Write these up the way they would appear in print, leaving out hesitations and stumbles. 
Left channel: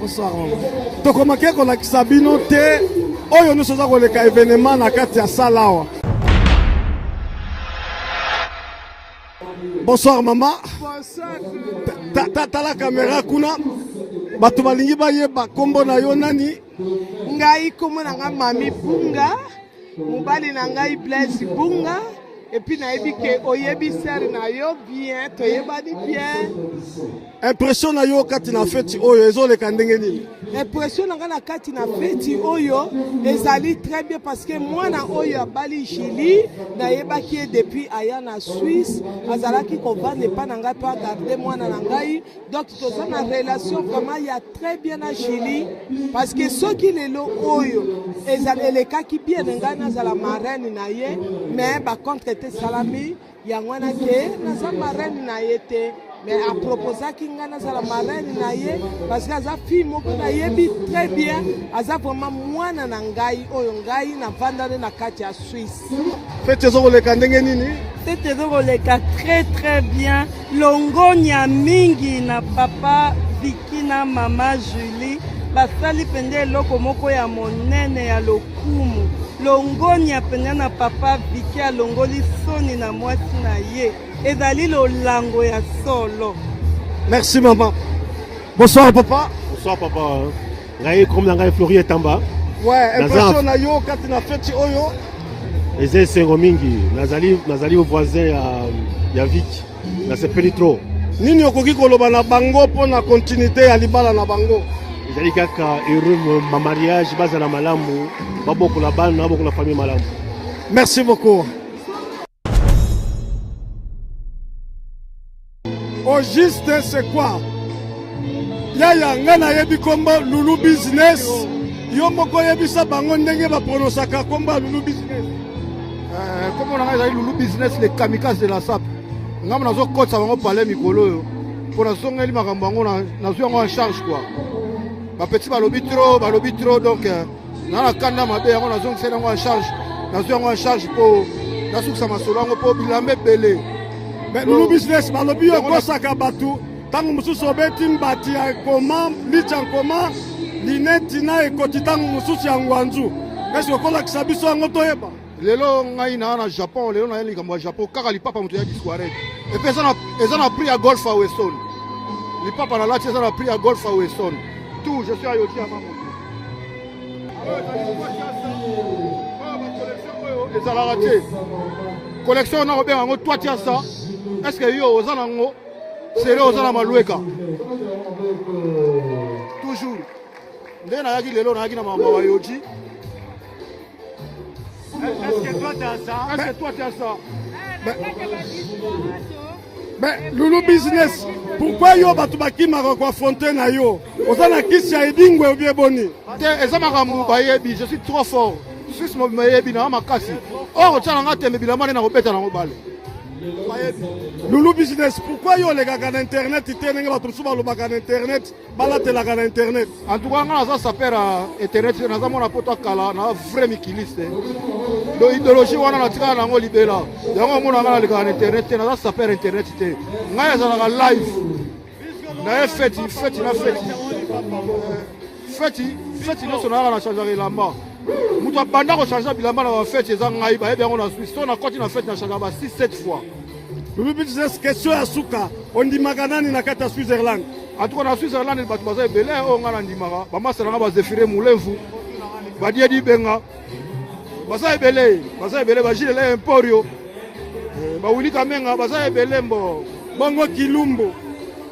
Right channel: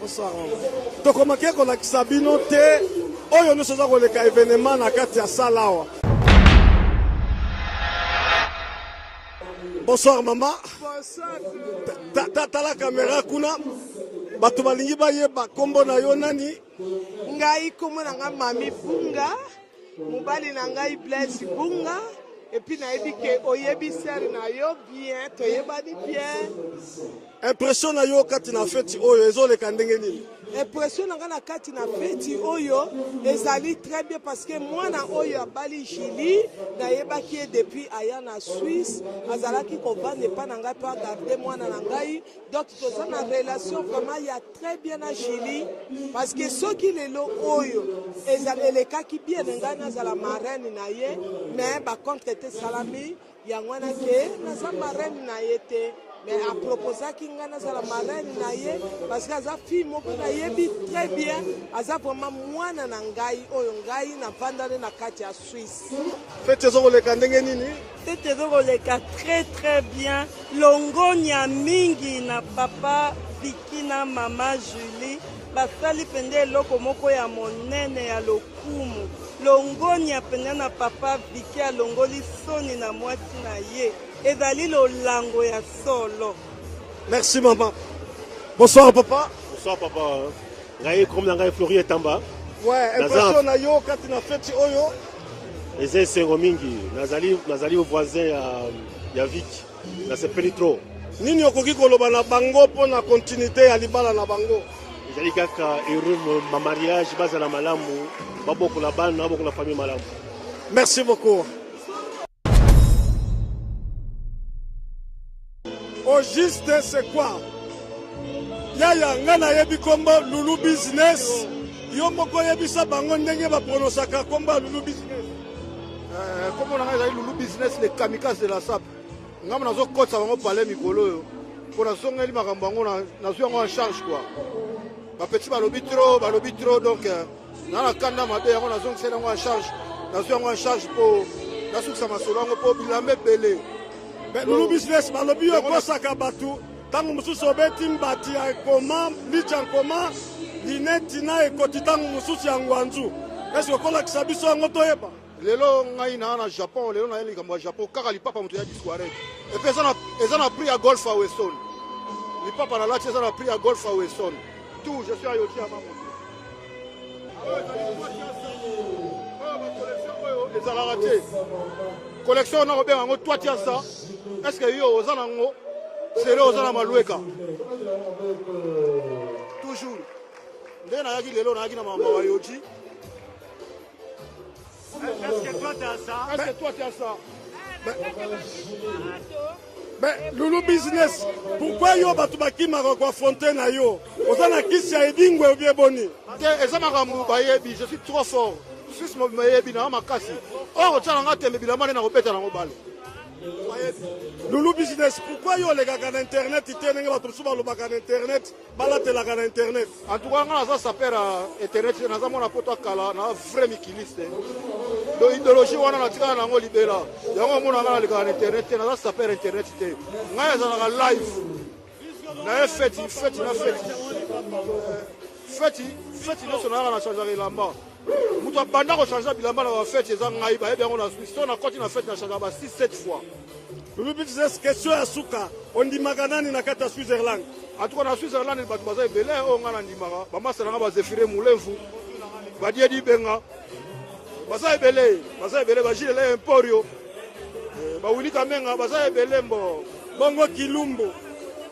Bonsoir maman. Tokomaki kolakisa bino te oyo nyonso oza koleka événement na kati ya sala awa. Bonsoir maman. Bonsoir. Tala caméra kuna. Bato balingi bayeba kombo na yo nani? Ngai kombo na nga Mami Bunga. Mobali na ngai Blaise Bunga. Et puis nayebi ke oyebi ser na yo bien, toyebani bien. Impression na yo kati na feti oyo ezoleka ndenge nini? Impression na nga na kati na feti oyo ezali très bien parce que moi na oyo abali Chili nayebaki depuis aya na Suisse azalaki kovanda epa na ngai pa garder mwana na ngai donc toza na relation vraiment ya très bien na Chili parce que soki lelo oyo ezali elekaki bien ngai nazala marraine na ye mais ba contre te salami yango wana ke naza marraine na ye te. Mais à proposer qu'il y a la marraine parce que ça fille moko na yebi très bien aza vraiment mwana na ngai oyo ngai na vanda na kati ya Suisse. Fete ezoleka ndenge nini? Fete ezoleka très très bien. Longonya mingi na papa Vicky na mama Julie basali pende eloko moko ya monene ya lokumu. Longonya pende na papa Vicky alongoli soni na mwasi na ye. Ezali lolango ya solo. Merci maman. Bonsoir papa. Bonsoir papa. Ngai comme na ngai Flori Etamba. Ouais, impression na yo kati na feti oyo. Eze sengo mingi. Nazali au voisin ya Vic. Na sepeli trop. Nini okoki koloba na bango po na continuité ya libala na bango? Ezali kaka heureux ma mariage bazala malamu. Baboko la bana baboko la famille malamu. Merci beaucoup. Au juste c'est quoi? Yaya ngana yebi kombo Lulu Business. Yo moko yebi sa bango ndenge ba pronosaka kombo Lulu Business. Comme on a Lulu Business les kamikazes de la SAP. Ngam nazo kotsa bango parler mikolo yo. Pour la songa li makambo bango na zo en charge quoi. Ba petit balobi trop donc na la kanda mabe yango nazo ngena en charge. Nazo en charge pour na suksa masolo ngo po bilambe belé. Mais Lulu Business, balobi yo kosaka batu, tangu mususu obeti mbati ya koma, licha koma, lineti na ekoti tangu mususu ya ngwanzu. Est-ce que kola kisabiso yango toyeba? Lelo ngai na Japon, lelo na likambo ya Japon, kaka lipapa mutu ya disquare. Et puis ça na pris à golf à Weston. Lipapa na lati ça na pris à golf à Weston. Tout, je suis à Yoti à Maman. Collection na obenga ngo toi tia ça. Est-ce que yo ozana ngo sere ozana malueka toujours ndena yaki lelo na yaki na mama wa Yoji. Est-ce que toi tu as ça? Mais Lulu Business, pourquoi yo batu bakima ko affronter na yo? Ozana kisi ya edingwe obie boni. Te ezama kambu bayebi, je suis trop fort. Je suis mayebi na makasi. Or otana ngate mebilama na kobeta na mobale. Lulu Business, pourquoi yo les gars sur internet, ils tiennent pas tout sur internet, balatela sur internet. En tout cas, on a ça perd internet, on a mon apôtre kala, on a vrai mikiliste. L'idéologie on a tiré na ngoli bela. Yango mon na sur internet, on a ça perd internet te. Ngaya za na live. Na feti na feti no sona na changer lamba. Mutu abanda ko changer bilamba na feti za ngai ba bien on a Suisse, on a continué na feti na changer ba 6-7 fois. Lulu Business, question ya suka, on dit maganani na kata Switzerland. En tout cas, na Switzerland, il batu baza ebele, on a ndimara, ba masala na ba Zefire Mulevu, ba Diedi Benga, baza ebele, ba Gilles Emporio, ba Wili Kamenga, baza ebele mbo, bongo Kilumbo.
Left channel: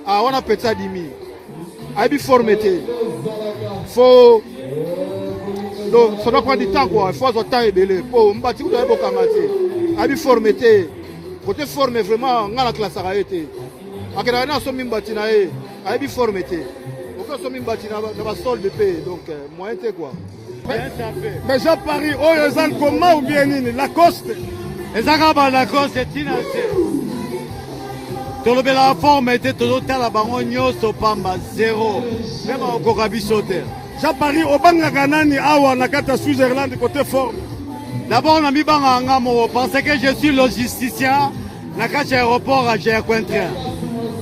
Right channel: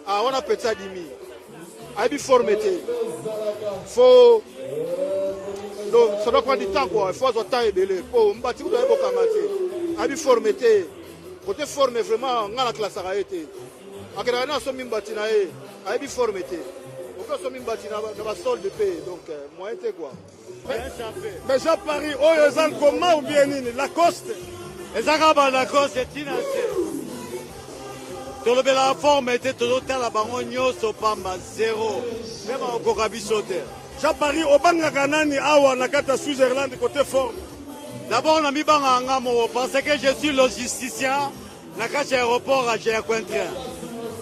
Ah, on a petsa dimi. Aibi formete. Faut donc ça doit prendre du temps quoi, il faut avoir temps ebele. Po mbati ko ebo kangate. Aibi formete. Côté formé vraiment ngala classe a été. Akena na so mimbati na e, aibi formé te. Oko so mimbati na ba sol de paix donc moyen te quoi. Mais Jean Paris oyo zan comment ou bien nini Lacoste. Ezaka ba Lacoste tinase. Tolobela forme était todo tala bango nyoso pamba 0. Même au kokabisote. Jean Paris obanga kanani awa na kata Switzerland côté forme. D'abord, on a mis en ngamo parce que je suis logisticien. Na kacha aéroport à Géacointrain.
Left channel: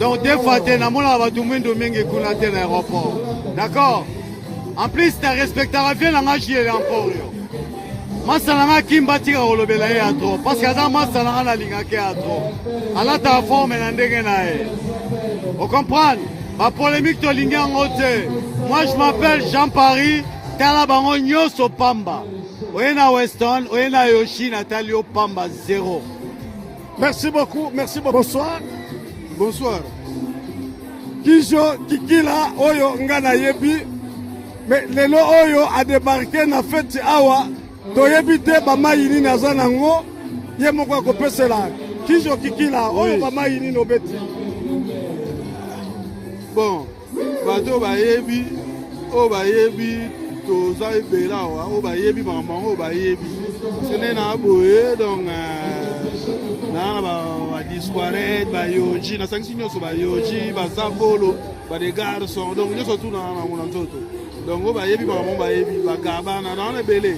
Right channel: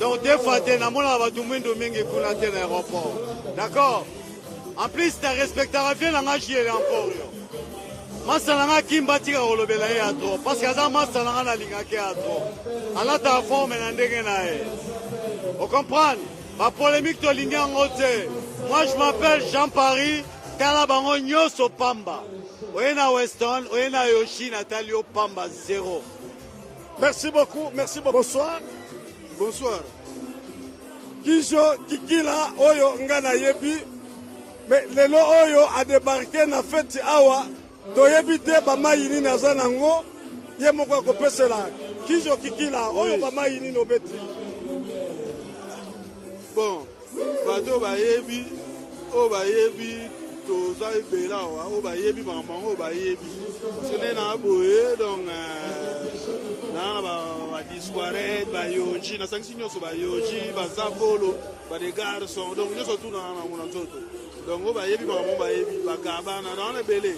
Donc, des fois, tu as mon abattoir de mingi kuna l'aéroport. D'accord. En plus, tu respectes la vie, tu es encore. Masalanga Kimba tika kolobela ye atro parce que ça masalanga la linga ke atro. Ala ta forme na ndenge na ye. On comprend? Ma polémique to linga ngote. Moi je m'appelle Jean-Paris, tala bango nyoso pamba. Oyena Weston, oyena Yoshi Natalio pamba 0. Merci beaucoup, merci beaucoup. Bonsoir. Bonsoir. Kijo Kikila Oyo Ngana Yebi. Mais lelo Oyo a débarqué na fête awa. Toyebi te bamayini naza nango ye moko akopesela Kijo Kikila oyo bamayini nobeti. Bon, bato bayebi o bayebi toza ebela wa o bayebi maman o bayebi sene na boye donc na ba disquarette ba yoji na sanction nyonso ba yoji ba zabolo ba des garçons donc nyonso tout na mona nzoto donc o bayebi maman bayebi ba gabana na ebele.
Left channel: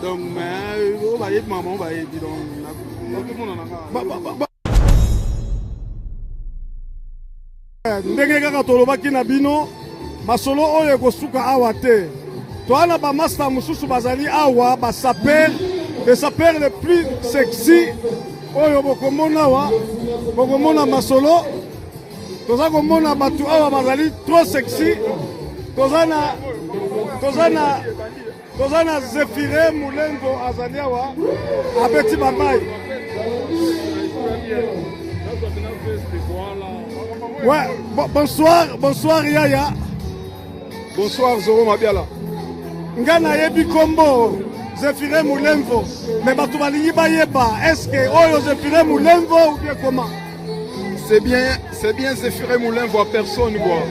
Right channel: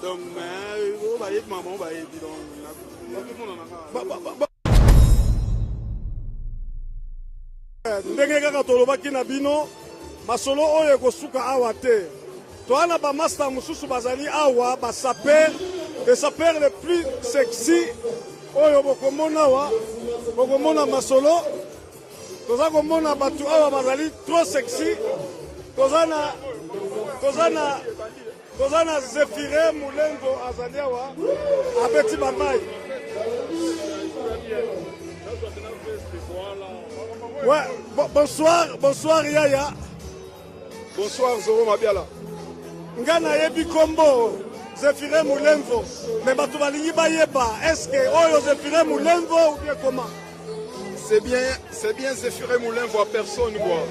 Donc, on va y être maman, on va y être ndenge kaka tolobaki na bino masolo oyo ekosuka awa te toana bamaster mosusu bazali awa basaper les sapeurs les plus sexy oyo bokomona awa bokomona masolo toza komona bato awa bazali trop sexy tozana Zefire Mulengo azali awa abeti bamai. Ouais, bonsoir Yaya. Bonsoir Zoro Mabiala. Ngana yebi kombo Zefire Mulengo. Mais bato balingi bayeba. Est-ce que oyo Zefire Mulengo ou bien comment? C'est bien Zefire Mulengo à personne quoi.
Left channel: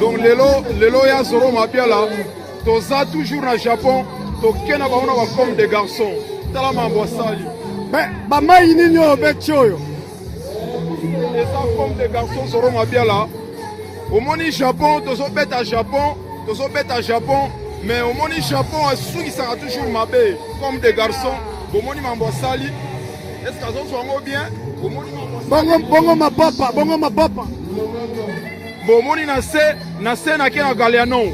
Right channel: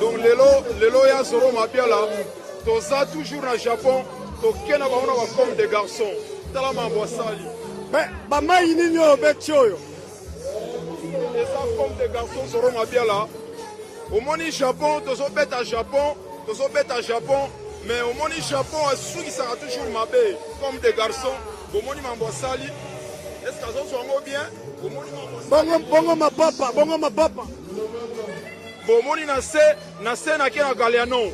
Donc lelo ya Zoro Mabiala. Toza toujours na Japon, tokena baona ba comme des garçons. Tala mambo sali. Mais bamai nini oyo beti oyo? Eza comme des garçons Zoro Mabiala. Au moni Japon, tozo beta Japon, mais au moni Japon asuki sera toujours mabe comme des garçons. Au moni mambo sali. Est-ce que ça soit bien? Au moni bongo ma papa. Bon moni na se na kena Galiano.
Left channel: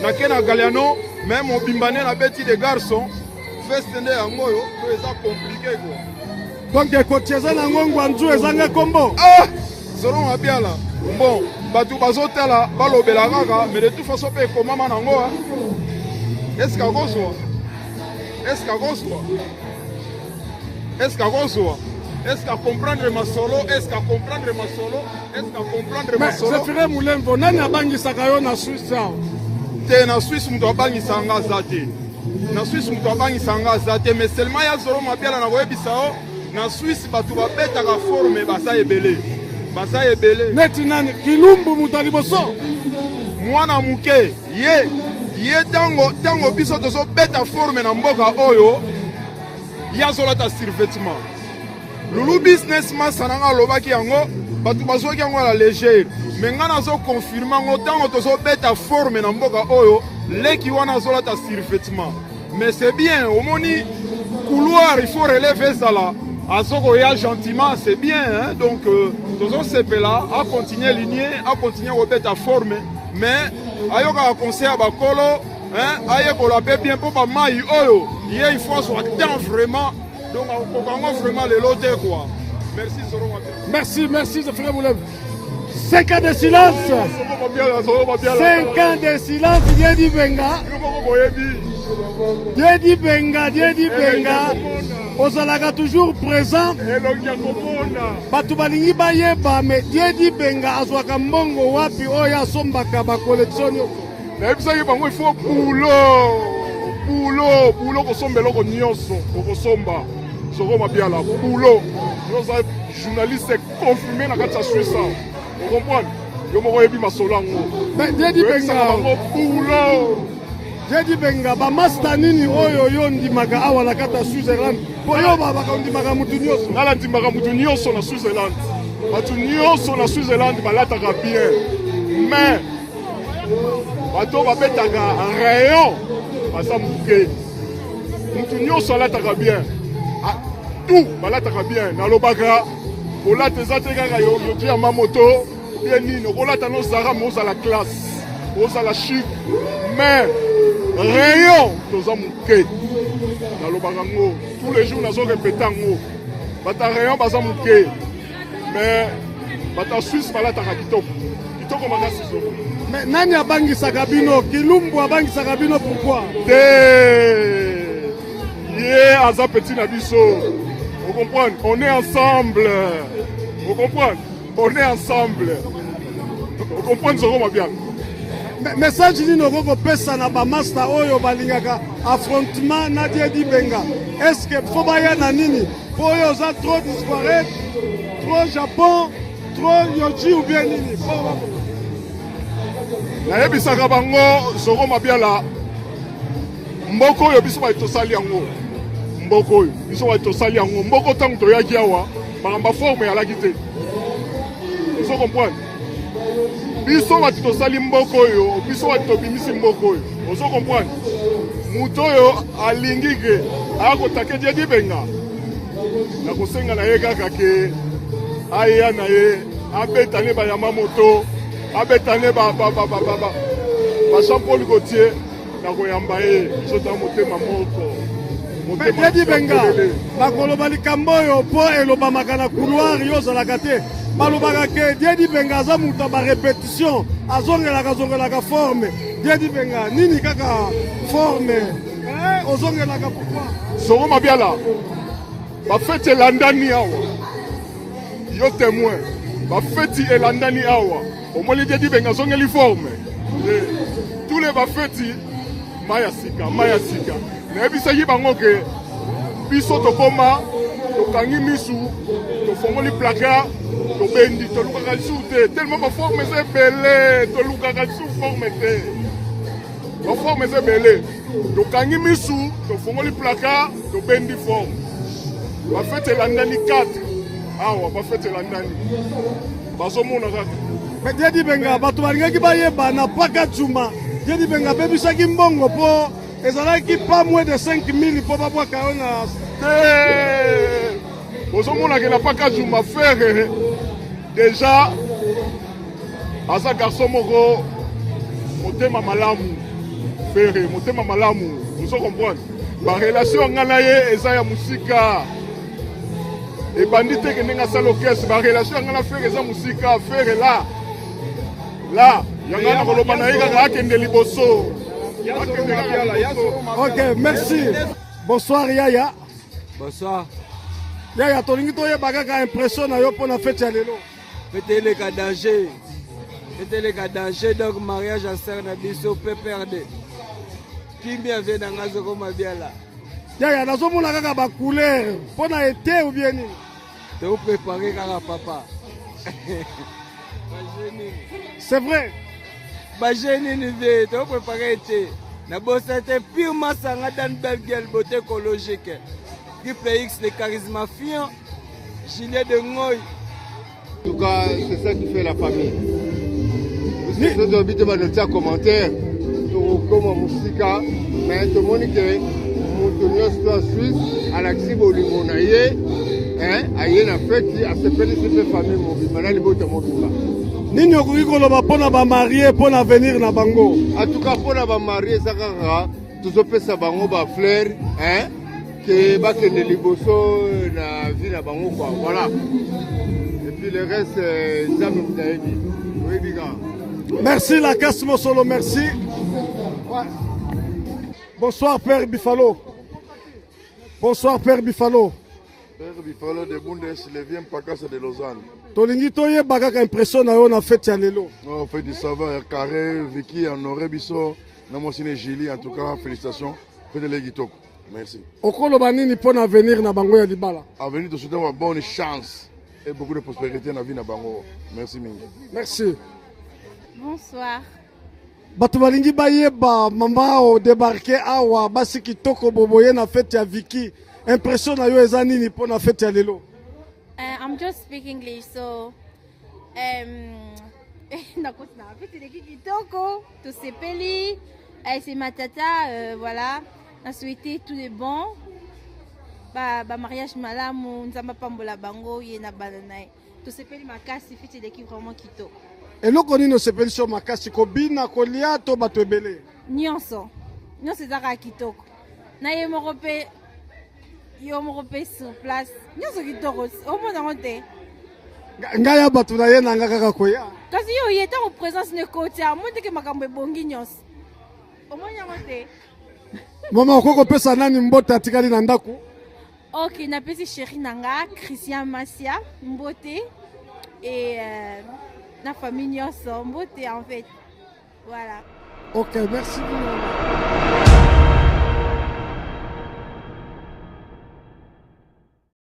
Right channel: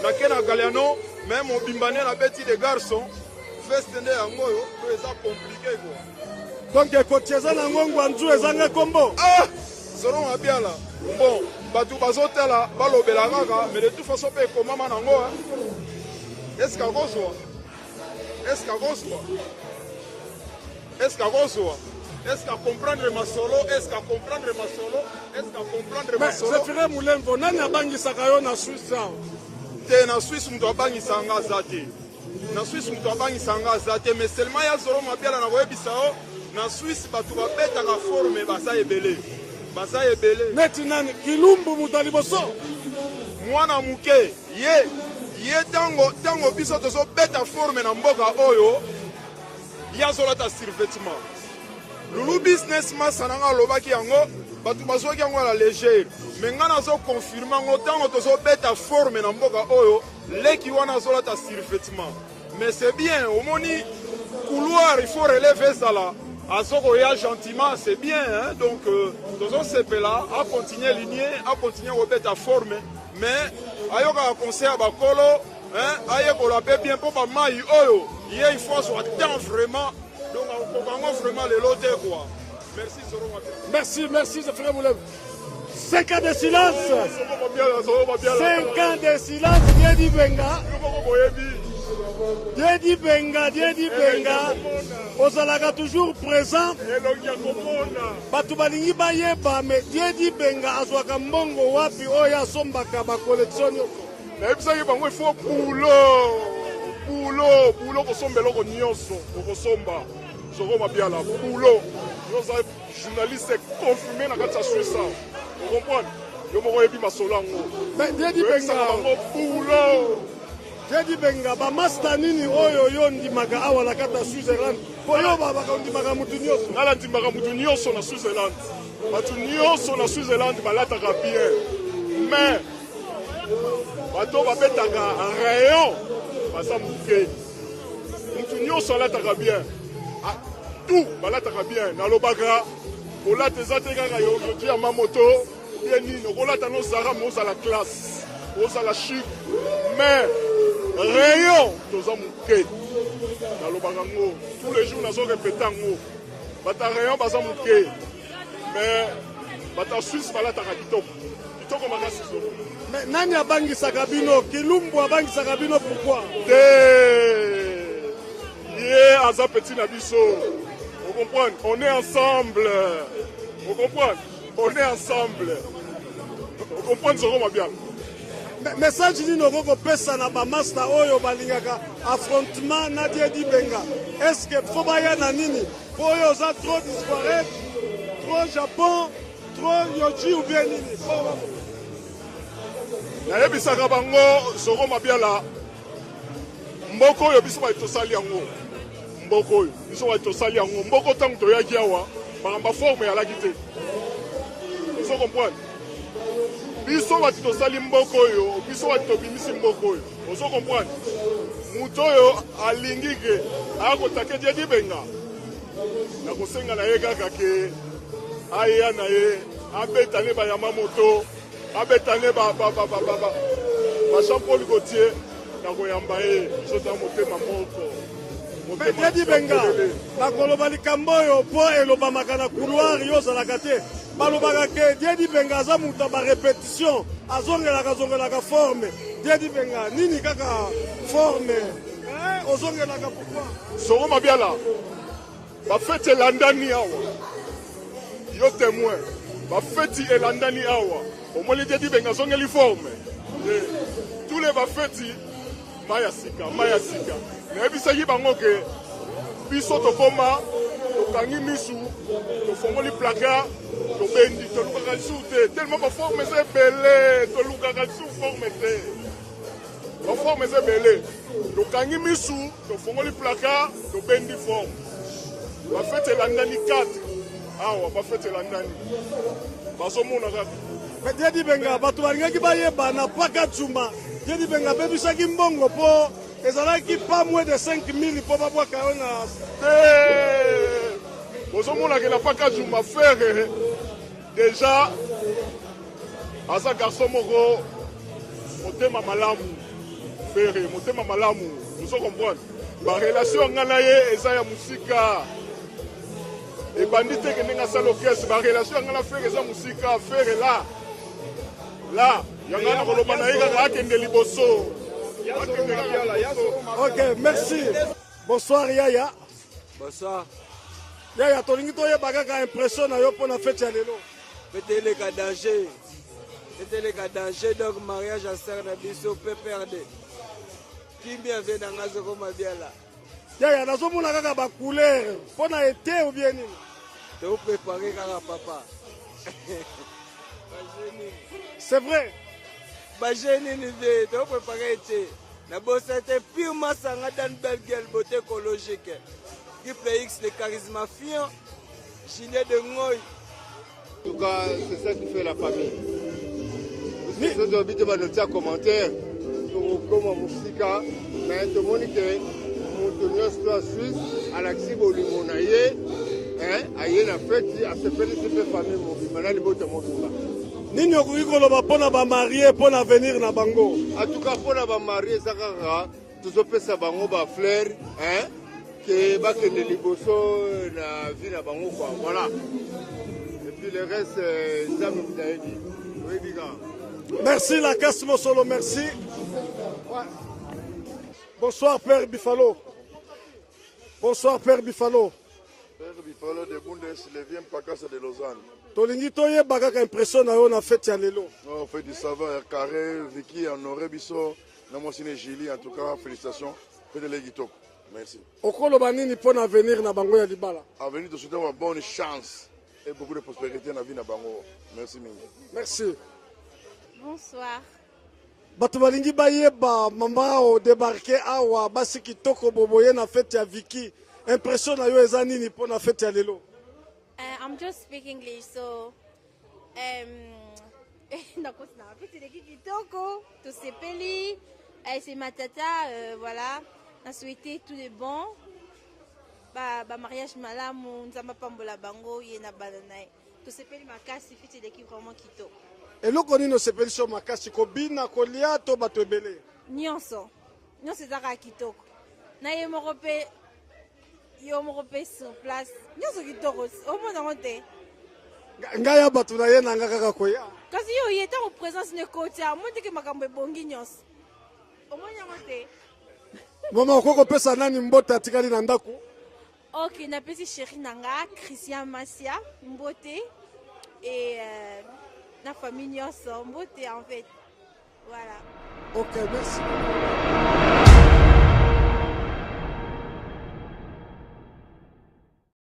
Nakena Galiano, même au Bimbane la bêtise des garçons, fait stender à moi, c'est compliqué quoi. Donc ekotieza na ngongo anzu ezanga kombo. Ah, Zoro Mabiala. Bon, batu bazotela balobela kaka, mais de toute façon pe komama nango. Est-ce qu'à comprendre ma solo? Zefire Mulengo nani abangisaka yo na Suisse? Na Suisse mutu abangisanga zate. Mais seulement ya Zoro Mabiala na koyebisa o na Suisse batu babetaka forme basa ebele. Neti nani Kilumbu mutu aliboso. Mwana muke ye tango biso tozo beta forme na mboka oyo ya zolata survêtement. Lulu businessman sananga lobaki yango batu bazoki yango la légère. Mais ngana zo confirmer ngo tango tozo beta forme na mboka oyo leki wana zolata survêtement. Mais c'est bien au moni couloir il faut relever ça là. Azoko ya gentiment c'est bien hein? Donc tozo sepela a continuer ligné a continuer au beta forme mais ayoka conseil à bakolo hein ayeko la paix bien pour ba mai oyo il faut soit temps vraiment. Donc on vraiment les loter quoi. Merci Zoro Mabiala. Merci Zefire Mulengo. 5 ans de silence. 5 ans de silence. Dieu dit Benga. Ozalaka toujours présent. Batu balingi bayeba mais Dieu dit Benga azwaka mbongo wapi oya sombaka ba collection yo. Na ebisa yebango il faut boulot kosombela ko nyonso kokosomba. Zoro Mabiala boulot. Nous sommes journalistes confirmés na kati ya Suisse. Vous comprenez? Yo moko yebi masolango. Mais Dieu dit Benga ba master nini oyo yo ndimaka awa na kata Switzerland. Po yo ba ndimaka mutu nyonso. Nala ndimaka mutu nyonso na Switzerland. Batu nyonso na Switzerland balataka bien. Mais bato babetaka en rayon basa muke. Mutu nyonso alataka bien. Tout balataka bien. Nalobaka olata eza te kaka yo dia mamoto bien nini olata no zara mo za la classe. ozala chic mais rayon toza moke nalobaka ngo tous les jours nazo répéter ngo bata rayon baza moke mais bata Suisse balataka kitoko makasi zolo. Mais nani abangisaka bino Kilumbu abangisaka bino pourquoi ye aza petit na biso. Vous comprenez? On est ensemble. Vous comprenez? On est ensemble. Vous comprenez ce qu'on bien? Message nini okopesa na bamaster oyo balingaka affrontement na Diedi Benga. Est-ce que faut baya na nini? Po oyo oza trop disparaître, trop Japon, trop Yoji ou bien nini? Nayebisaka bango soko mabiala mboko oyo biso batosali yango mboko oyo biso batosali yango mboko tango toyaki awa bakamba forme yalaki te. Biso comprendre biso batosali mboko oyo biso batobimisi mboko oyo ozo comprendre muto oyo alingi ke akotake Diedi Benga na kosenga na ye kaka ke aya na ye abetane bayama moto abetane ba Jean-Paul Gaultier na koyamba ye sota motema moko Diedi Benga bakoloba likambo oyo po elobamaka na couloir yo ozalaka te balobaka ke Diedi Benga aza moto ba répétition azongelaka forme. Diedi Benga nini kaka forme ozongelaka pourquoi soko mabiala bafete elandani awa yo témoin bafeti elandani awa omoni Diedi Benga azongeli forme tous les bafeti maya sika nayebisaki bango ke biso tokoma tokangi misu tofongoli placard tobendi tolukaka lisu te tellement baforme eza ebele tolukaka lisu forme te baforme eza ebele tokangi misu tofongoli placard tobendi forme bafete elandani 4 awa bafete elandani bazomona kaka. Mais Diedi Benga bato balingaki bayeba na paka Juma Diedi Benga bebisaki mbongo po ezalaki pas moins de 5000 po babwaka yo na bozomonaka na paka Juma frère déjà aza garçon moko motema malamu frère motema malamu ozo comprendre barelation nga na ye eza ya musika ebandi te ke ndenge asala orchestre barelation nga na frère eza musika frère là yanga na koloba na ye kaka akende liboso. Ok, merci. Bonsoir Yaya. Bonsoir. Yaya tolingi toyeba kaka impression na yo mpona fete ya lelo. Fete eleka danger. Fete eleka danger donc mariage à sœur na biso pe perdre. Kimia vient na ngazo koma biala. Yaya nazomona kaka ba couleur mpona été ou bien nini? Te préparer kaka papa. C'est vrai. Bajeni ni ve te préparer été. Na bossa te purement sanga dans belle gueule beauté écologique. Triple X de charismafiant. Gilet de Ngoy. En tout cas, c'est ça qui fait la famille. Si vous habitez dans le commentaire, comme Moussika, mais tout le monde qui Montonio soit Suisse, Alexis Bolimonaye, aye na fête, à se féliciter famille, mon vie, maintenant les beaux témoins. Nini okoki koloba mpona bamarie mpona avenir na bango? En tout cas, mpona bamarie eza kaka tozopesa bango bafleur ke bakende liboso na vie na bango quoi, voilà. Et puis le reste nzambe mutayebi oyebi kaka. Merci la casse Mosolo, merci. Bonsoir Père Bifalo. Bonsoir Père Bifalo. Père Bifalo de Bundes, le vient Pakasa de Lausanne. Tolingi toyeba kaka impression na yo na fête ya lelo. On fait du savoir carré, Vicky, Honoré Bisso, Namosine Gili, en tout cas, félicitations. Faites les guitoko. Merci. Okoloba nini mpona avenir na bango ya libala? Avenir de souhaiter une bonne chance et beaucoup de prospérité dans la vie na bango. Merci mingi. Merci. Bonsoir. Bato balingi bayeba mama o débarquer awa basi kitoko boboye na fête ya Vicky. Impression na yo eza nini mpona fête ya lelo? I'm just speaking English, so nakosina fête de kitoko, to sepeli, c'est ma tata, voilà. On a souhaité tout de bon. Ba mariage malamu, nzamba pambola bango, yena bananae. To sepeli makasi fête de ki vraiment kitoko. eloko nini osepelisi yo makasi kobina kolia to bato ebele nyonso ezaka kitoko na ye moko mpe yo moko mpe sur place nyonso kitoko omonango te ngai ya bato na ye na nga kaka koya kasi yo ye ntango présence ne koti amoni teke makambo ebongi nyonso omoni yango te mama okoki kopesa nani mbote atikali na ndako ok napesi chéri na nga Christian Masia mbote et na famille nyonso mbote en fait voilà ok merci